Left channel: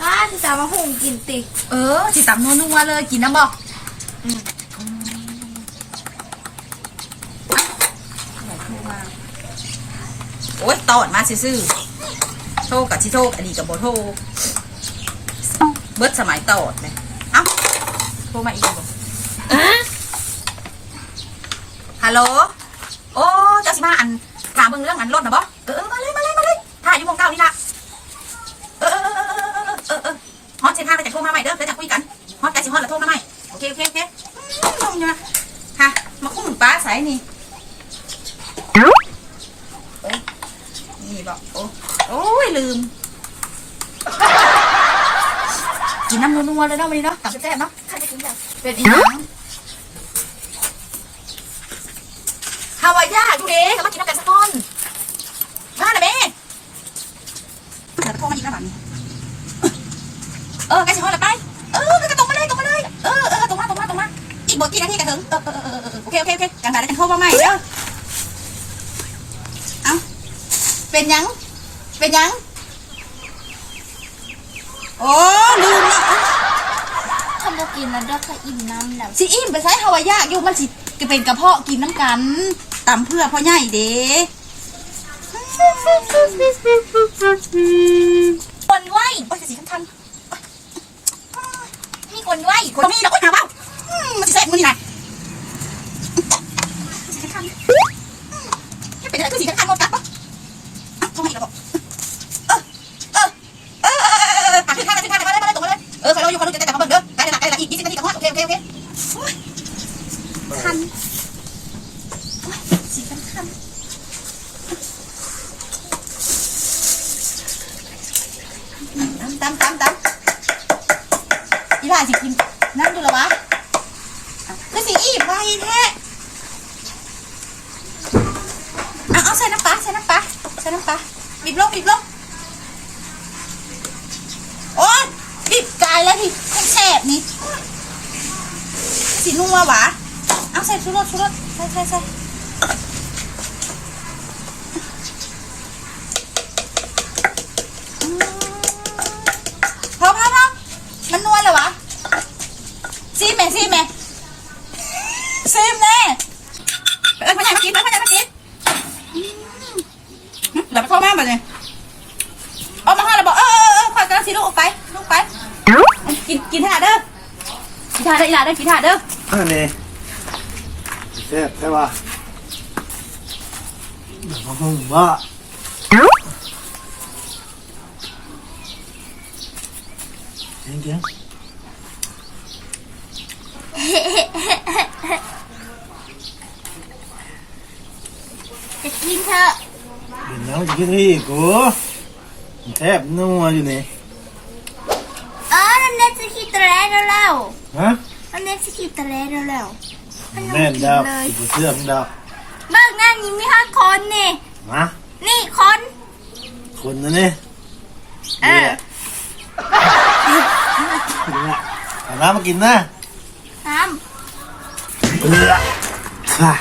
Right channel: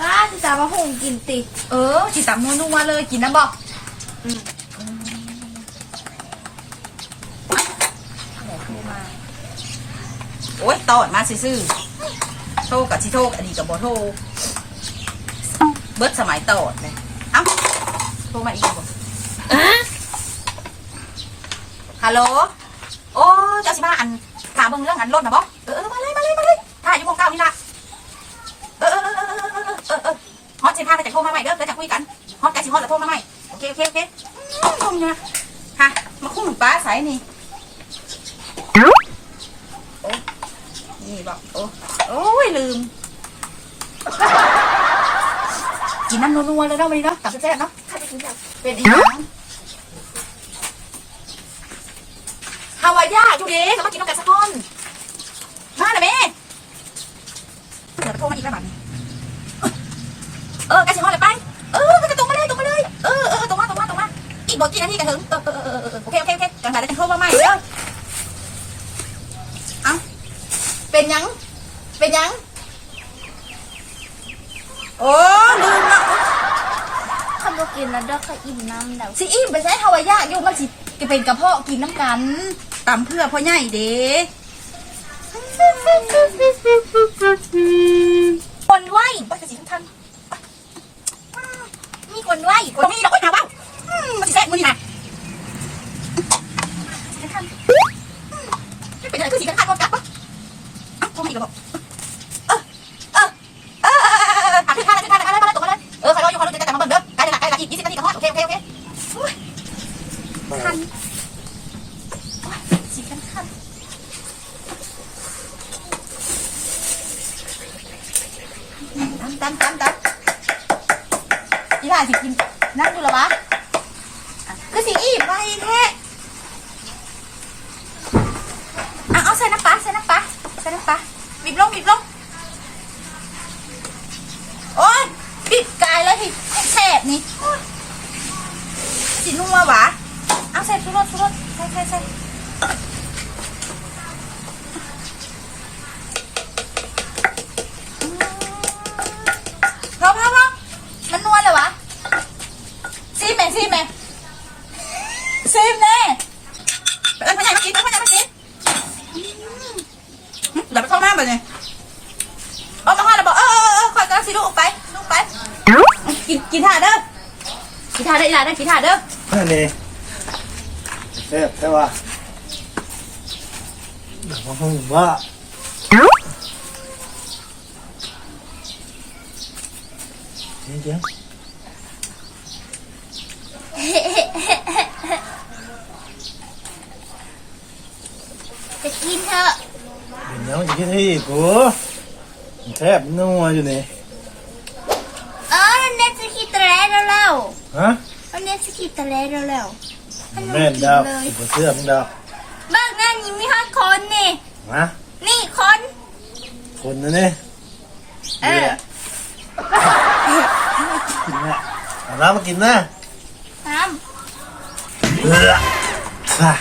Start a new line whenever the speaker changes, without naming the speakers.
บ้านจะมาหุงกินติ
เออสิตำนัวๆเลยกินน้ำบอกอืมโอ๊ยตอดมาซื่อๆโทรกับชิโทรอดีกับโบโทรเบิดสมัยตอดเลยเอ้าโทรมาอีกบอกฮัลโหล โอ้เจ้าสิมาอันถามมึงเรื่องอันรถนะบอเออเออมาเลยมาเลยมาเลยถ่าย มาใหม่เด้อเดี๋ยวจะคุยกันฮอตแกสิฮอตแล้วโทรมาใหม่โอเคโอเคโอเคอืมลงอยู่นะฮะมาคุ้มป้าใสนี่โอ้นี่บอกโอ้โอ้ยลืม กินน้ำนัวๆเลยเนาะวันนี้เนาะตับแซ่บเนาะ
ใครจะกินแบบ
เป็นอีกฮาวายาดูดิมากินน้ำกันสักคนมาหน่อยแม่เดี๋ยวโทรมาอีกแล้วหลังเออกล้สิฮอดเลยไปเออก็ตรงมาเลยตรงมาเลยเออเออตรงมาตรงมาตรงมาอีกบอกกี่นาทีกันถึงเออเออเออโอเคโอเคโอเคกันแต่แล้กันโทรมาใหม่เด้อเอ้าเป็นยังเป็นยังโอ้ลืมละ
ทำโบกินแล้วดอค่ะอิ่มน้ำแล้ว
สิอิ่มไปใช้ฮาวายาอยู่มันสิจะเป็นกระเพาะกินน้ำกันตำเพื่อพ่อใหญ่เด้ คันโอ้ยสีคันคันตำตำตำตำอีหล่าสิกินนั่งอยู่เหรอวะอะคือสีอีบไว้แท้เอาเอาใส่น้ำปลาใส่น้ำปลาใส่น้ำปลาบีบลงบีบลงโอ้ยบีบกายแล้วที่ให้แสบนี่โอ๊ยสี นัวหวะเอาใส่ชุรสชุรสใส่ใส่ใส่พอพอพอมันนัวเลยวะซีมแม่ซีมแม่ซีมแน่เอ้ยพ่อใหญ่มากินเอ้ยพ่อใหญ่มากินเดี๋ยวไปโทรมาแบบนี้เอามาห่อแล้วบอกเออเออเออคอกระสิลูกออกไปลูกไป กินกินท่าเด้อกินท่าเด้ออีหลาเด้อกินท่าเด้อ
อันนี้แซ่บใช่ป่ะเดี๋ยวเขาถึงว่าเดี๋ยวเดี๋ยว
จะกินเถอะ
เดี๋ยวแล้วจะคิดที่กูมันแซ่บนัวอยู่นี่
เออนั่นเน็ตจะคิดตะแล้วแล้ว
ฮะ
นั่นเน็ต จะคิดตะแล้วแล้วมันยัง
แม่น
กิน
ดาว
เลย
กูเสื้อมึงดาว
เบิกงานนี้มีห้าคนนี่
ฮะ
นี่คน
คนนะนี่
เออ
กินเนี่ยเอาน้ำมากินนะ
ทำ
เออค่ะ